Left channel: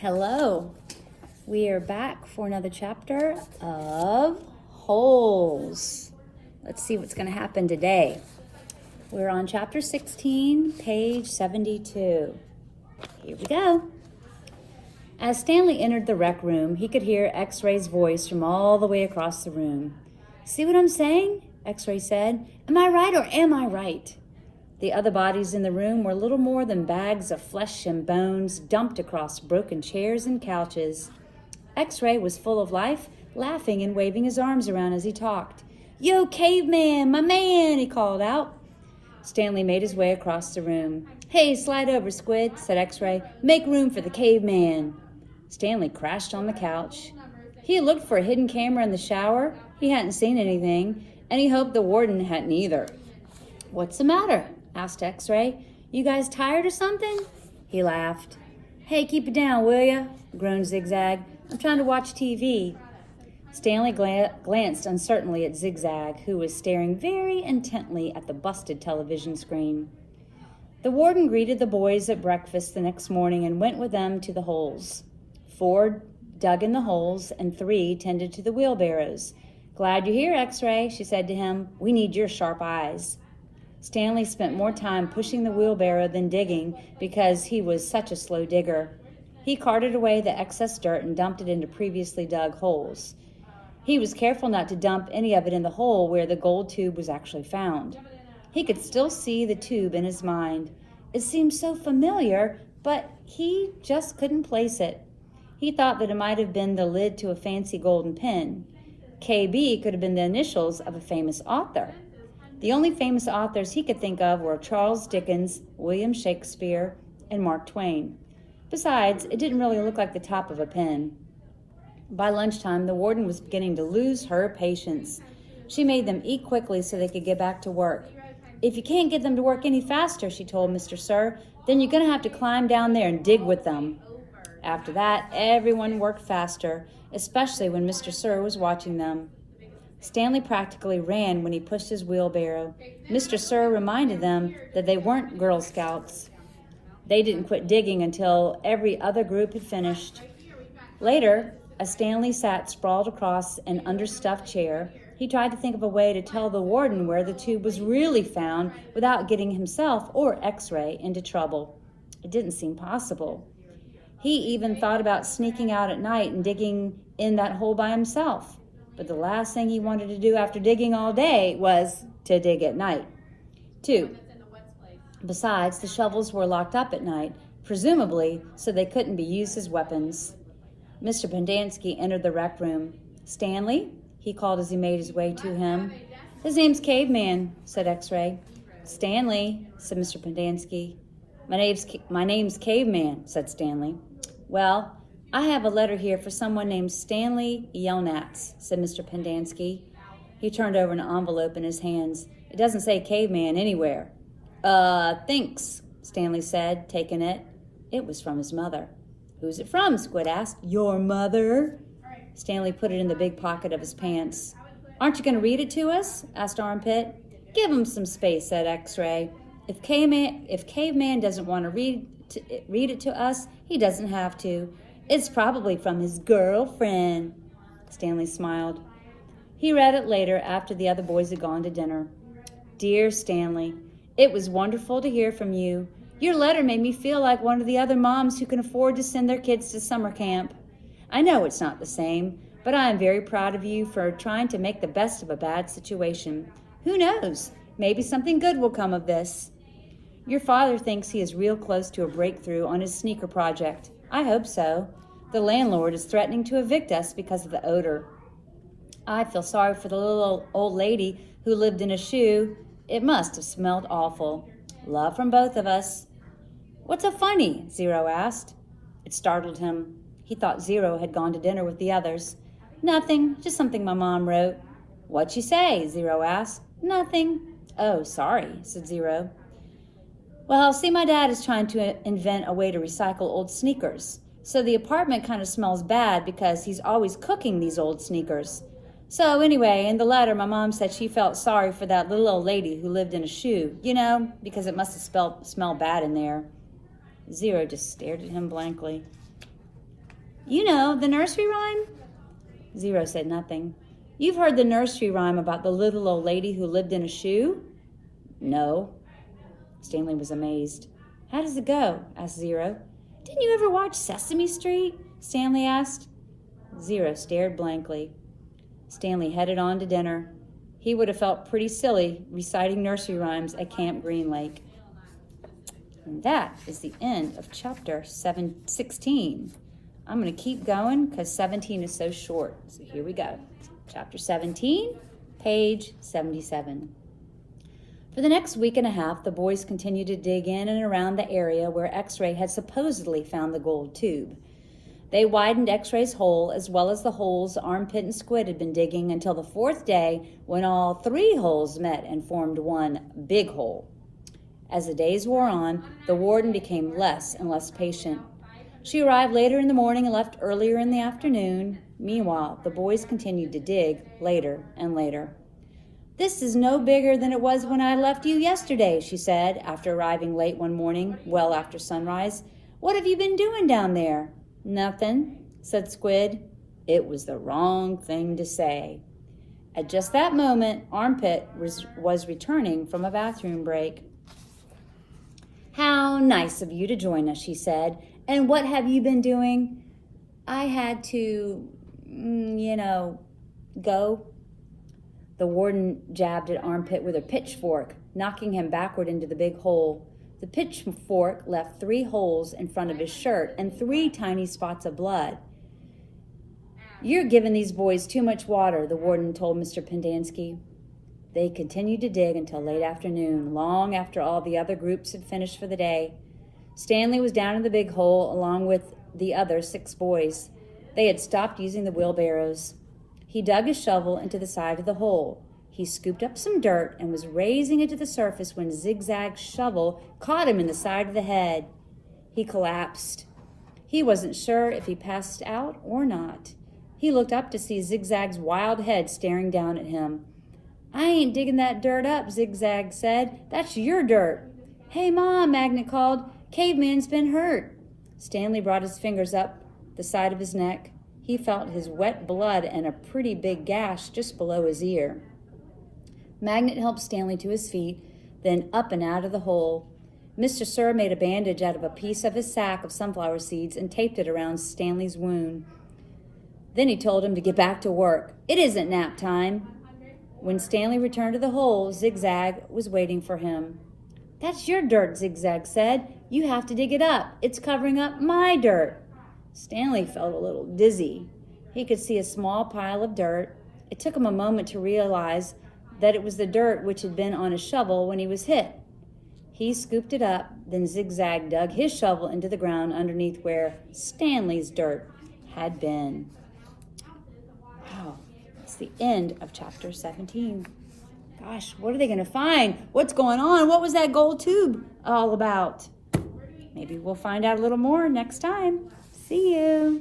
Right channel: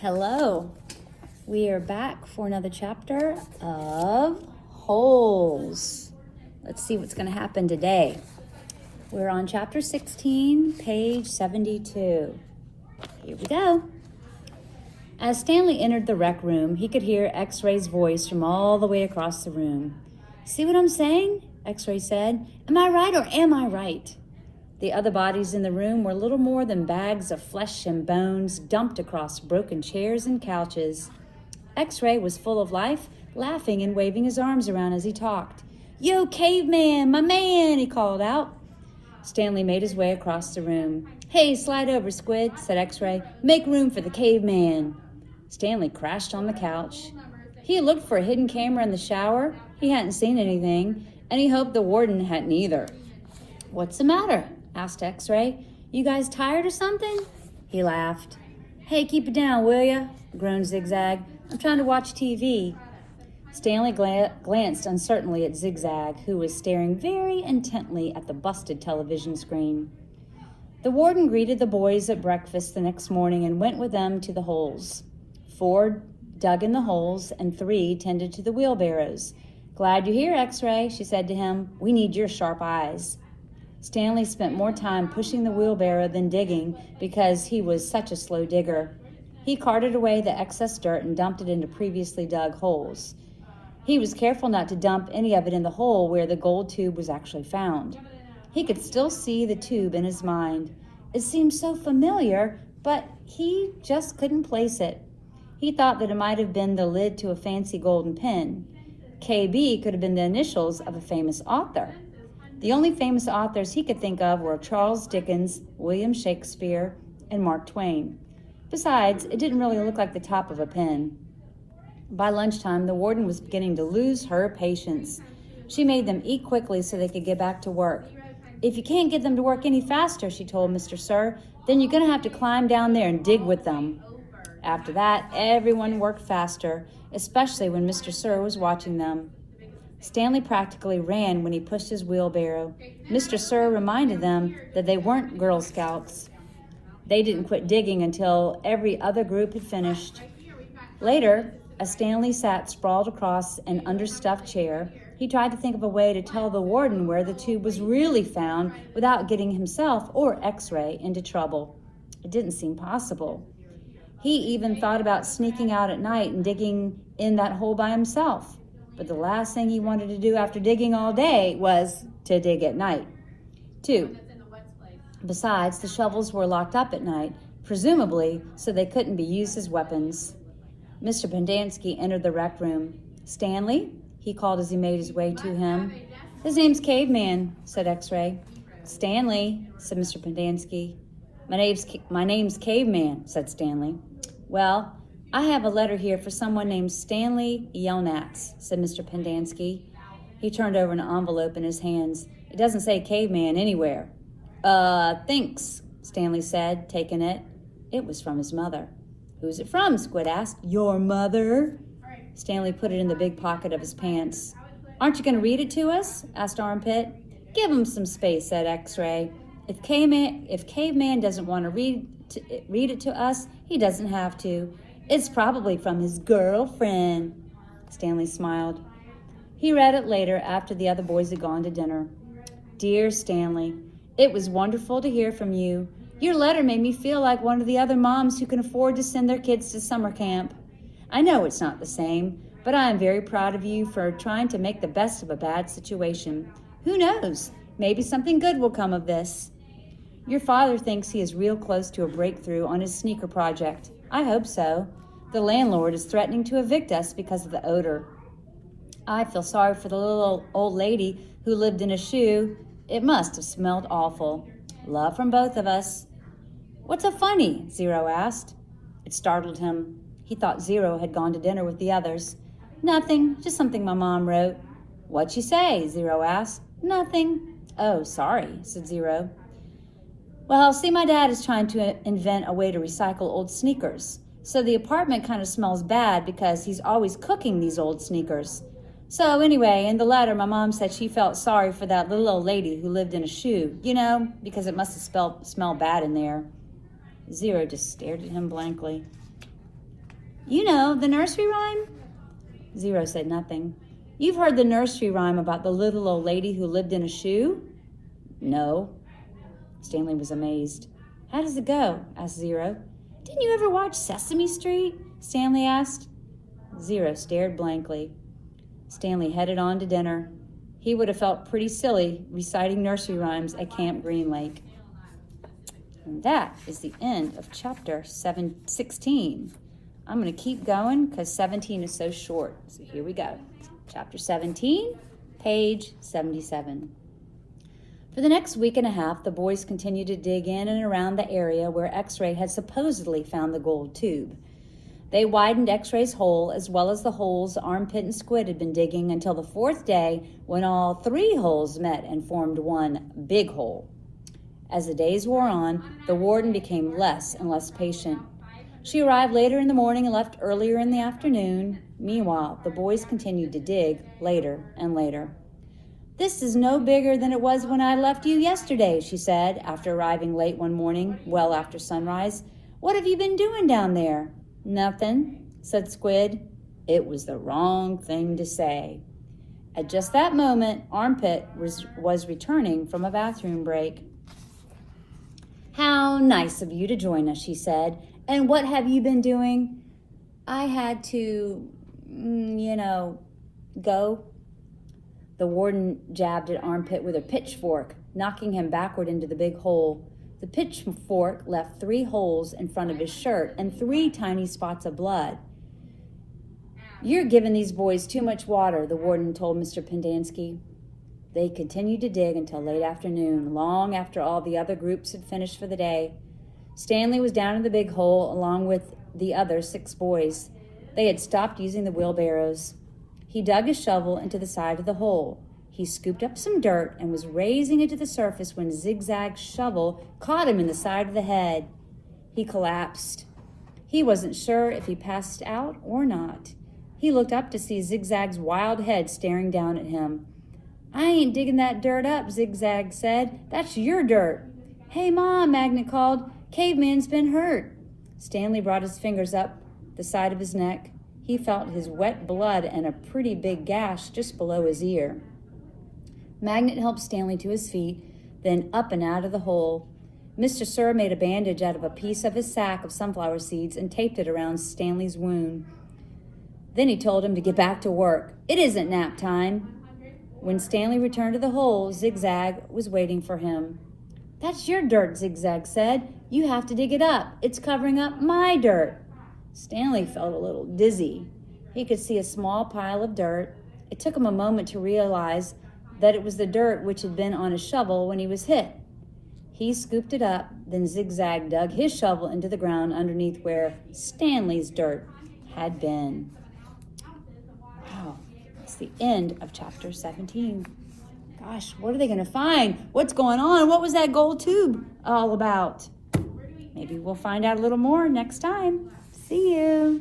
Hello, we are back for another chapter of Holes. Let's see what's going to happen today. We're on chapter 16, page 72. Here we go. As Stanley entered the rec room, he could hear X-Ray's voice from all the way across the room. "See what I'm saying?" X-Ray said. "Am I right or am I right?" The other bodies in the room were little more than bags of flesh and bones dumped across broken chairs and couches. X-Ray was full of life, laughing and waving his arms around as he talked. "Yo, caveman, my man," he called out. Stanley made his way across the room. "Hey, slide over, Squid," said X-Ray. "Make room for the caveman." Stanley crashed on the couch. He looked for a hidden camera in the shower. He hadn't seen anything, and he hoped the warden hadn't either. "What's the matter?" asked X-Ray. "You guys tired or something?" He laughed. "Hey, keep it down, will ya?" groaned Zigzag. "I'm trying to watch TV." Stanley glanced uncertainly at Zigzag, who was staring very intently at the busted television screen. The warden greeted the boys at breakfast the next morning and went with them to the holes. 4 dug in the holes and 3 tended to the wheelbarrows. "Glad you're here, X-Ray," she said to him. "We need your sharp eyes." Stanley spent more time pushing the wheelbarrow than digging because he was such a slow digger. He carted away the excess dirt and dumped it into previously dug holes. He was careful not to dump any of it in the hole where the gold tube was actually found. He could still see the tube in his mind. It seemed so familiar, but he just couldn't place it. He thought that it might have been the lid to a fancy golden pen. KB could have been the initials of a famous author. The only famous authors he could think of were Charles Dickens, William Shakespeare, and Mark Twain. Besides, it didn't really look like the top of a pen. By lunchtime, the warden was beginning to lose her patience. She made them eat quickly so they could get back to work. "If you can't get them to work any faster," she told Mr. Sir, "then you're going to have to climb down there and dig with them." After that, everyone worked faster, especially when Mr. Sir was watching them. Stanley practically ran when he pushed his wheelbarrow. Mr. Sir reminded them that they weren't Girl Scouts. They didn't quit digging until every other group had finished. Later, as Stanley sat sprawled across an understuffed chair, he tried to think of a way to tell the warden where the tube was really found without getting himself or X-Ray into trouble. It didn't seem possible. He even thought about sneaking out at night and digging in that hole by himself. But the last thing he wanted to do after digging all day was to dig at night. 2. Besides, the shovels were locked up at night, presumably so they couldn't be used as weapons. Mr. Pendanski entered the rec room. "Stanley?" he called as he made his way to him. "His name's Caveman," said X-Ray. "Stanley," said Mr. Pendanski. My name's Caveman," said Stanley. "Well, I have a letter here for someone named Stanley Yelnats," said Mr. Pendanski. He turned over an envelope in his hands. "It doesn't say caveman anywhere." Thanks," Stanley said, taking it. It was from his mother. "Who's it from?" Squid asked. "Your mother." Stanley put it in the big pocket of his pants. "Aren't you going to read it to us?" asked Armpit. "Give him some space," said X-Ray. If Caveman doesn't want to read it to us, he doesn't have to. It's probably from his girlfriend." Stanley smiled. He read it later after the other boys had gone to dinner. "Dear Stanley, it was wonderful to hear from you. Your letter made me feel like one of the other moms who can afford to send their kids to summer camp. I know it's not the same, but I am very proud of you for trying to make the best of a bad situation. Who knows? Maybe something good will come of this. Your father thinks he is real close to a breakthrough on his sneaker project. I hope so. The landlord is threatening to evict us because of the odor. I feel sorry for the little old lady who lived in a shoe. It must have smelled awful. Love from both of us." "What's so funny?" Zero asked. It startled him. He thought Zero had gone to dinner with the others. "Nothing, just something my mom wrote." "What'd she say?" Zero asked. "Nothing." "Oh, sorry," said Zero. "Well, see, my dad is trying to invent a way to recycle old sneakers. So the apartment kind of smells bad because he's always cooking these old sneakers. So anyway, in the letter, my mom said she felt sorry for that little old lady who lived in a shoe, because it must have smelled bad in there." Zero just stared at him blankly. You know, the nursery rhyme? Zero said nothing. You've heard the nursery rhyme about the little old lady who lived in a shoe? No. Stanley was amazed. How does it go? Asked Zero. Didn't you ever watch Sesame Street? Stanley asked. Zero stared blankly. Stanley headed on to dinner. He would have felt pretty silly reciting nursery rhymes at Camp Green Lake. And that is the end of chapter 16. I'm going to keep going because 17 is so short. So here we go. Chapter 17, page 77. For the next week and a half, the boys continued to dig in and around the area where X-Ray had supposedly found the gold tube. They widened X-Ray's hole as well as the holes Armpit and Squid had been digging until the fourth day when all three holes met and formed one big hole. As the days wore on, the warden became less and less patient. She arrived later in the morning and left earlier in the afternoon. Meanwhile, the boys continued to dig later and later. This is no bigger than it was when I left you yesterday, she said, after arriving late one morning, well after sunrise. What have you been doing down there? Nothing, said Squid. It was the wrong thing to say. At just that moment, Armpit was returning from a bathroom break. How nice of you to join us, she said. And what have you been doing? I had to, go. The warden jabbed at Armpit with a pitchfork, knocking him backward into the big hole. The pitchfork left 3 holes in front of his shirt and 3 tiny spots of blood. You're giving these boys too much water, the warden told Mr. Pendanski. They continued to dig until late afternoon, long after all the other groups had finished for the day. Stanley was down in the big hole along with the other 6 boys. They had stopped using the wheelbarrows. He dug his shovel into the side of the hole. He scooped up some dirt and was raising it to the surface when Zigzag's shovel caught him in the side of the head. He collapsed. He wasn't sure if he passed out or not. He looked up to see Zigzag's wild head staring down at him. I ain't digging that dirt up, Zigzag said. That's your dirt. Hey, Mom, Magnet called. Caveman's been hurt. Stanley brought his fingers up the side of his neck. He felt his wet blood and a pretty big gash just below his ear. Magnet helped Stanley to his feet, then up and out of the hole. Mr. Sir made a bandage out of a piece of his sack of sunflower seeds and taped it around Stanley's wound. Then he told him to get back to work. It isn't nap time. When Stanley returned to the hole, Zigzag was waiting for him. That's your dirt, Zigzag said. You have to dig it up. It's covering up my dirt. Stanley felt a little dizzy. He could see a small pile of dirt. It took him a moment to realize that it was the dirt which had been on his shovel when he was hit. He scooped it up, then Zigzag dug his shovel into the ground underneath where Stanley's dirt had been. Wow, that's the end of chapter 17. Gosh, what are they going to find? What's going on? What was that gold tube all about? Maybe we'll find out a little more next time. See you.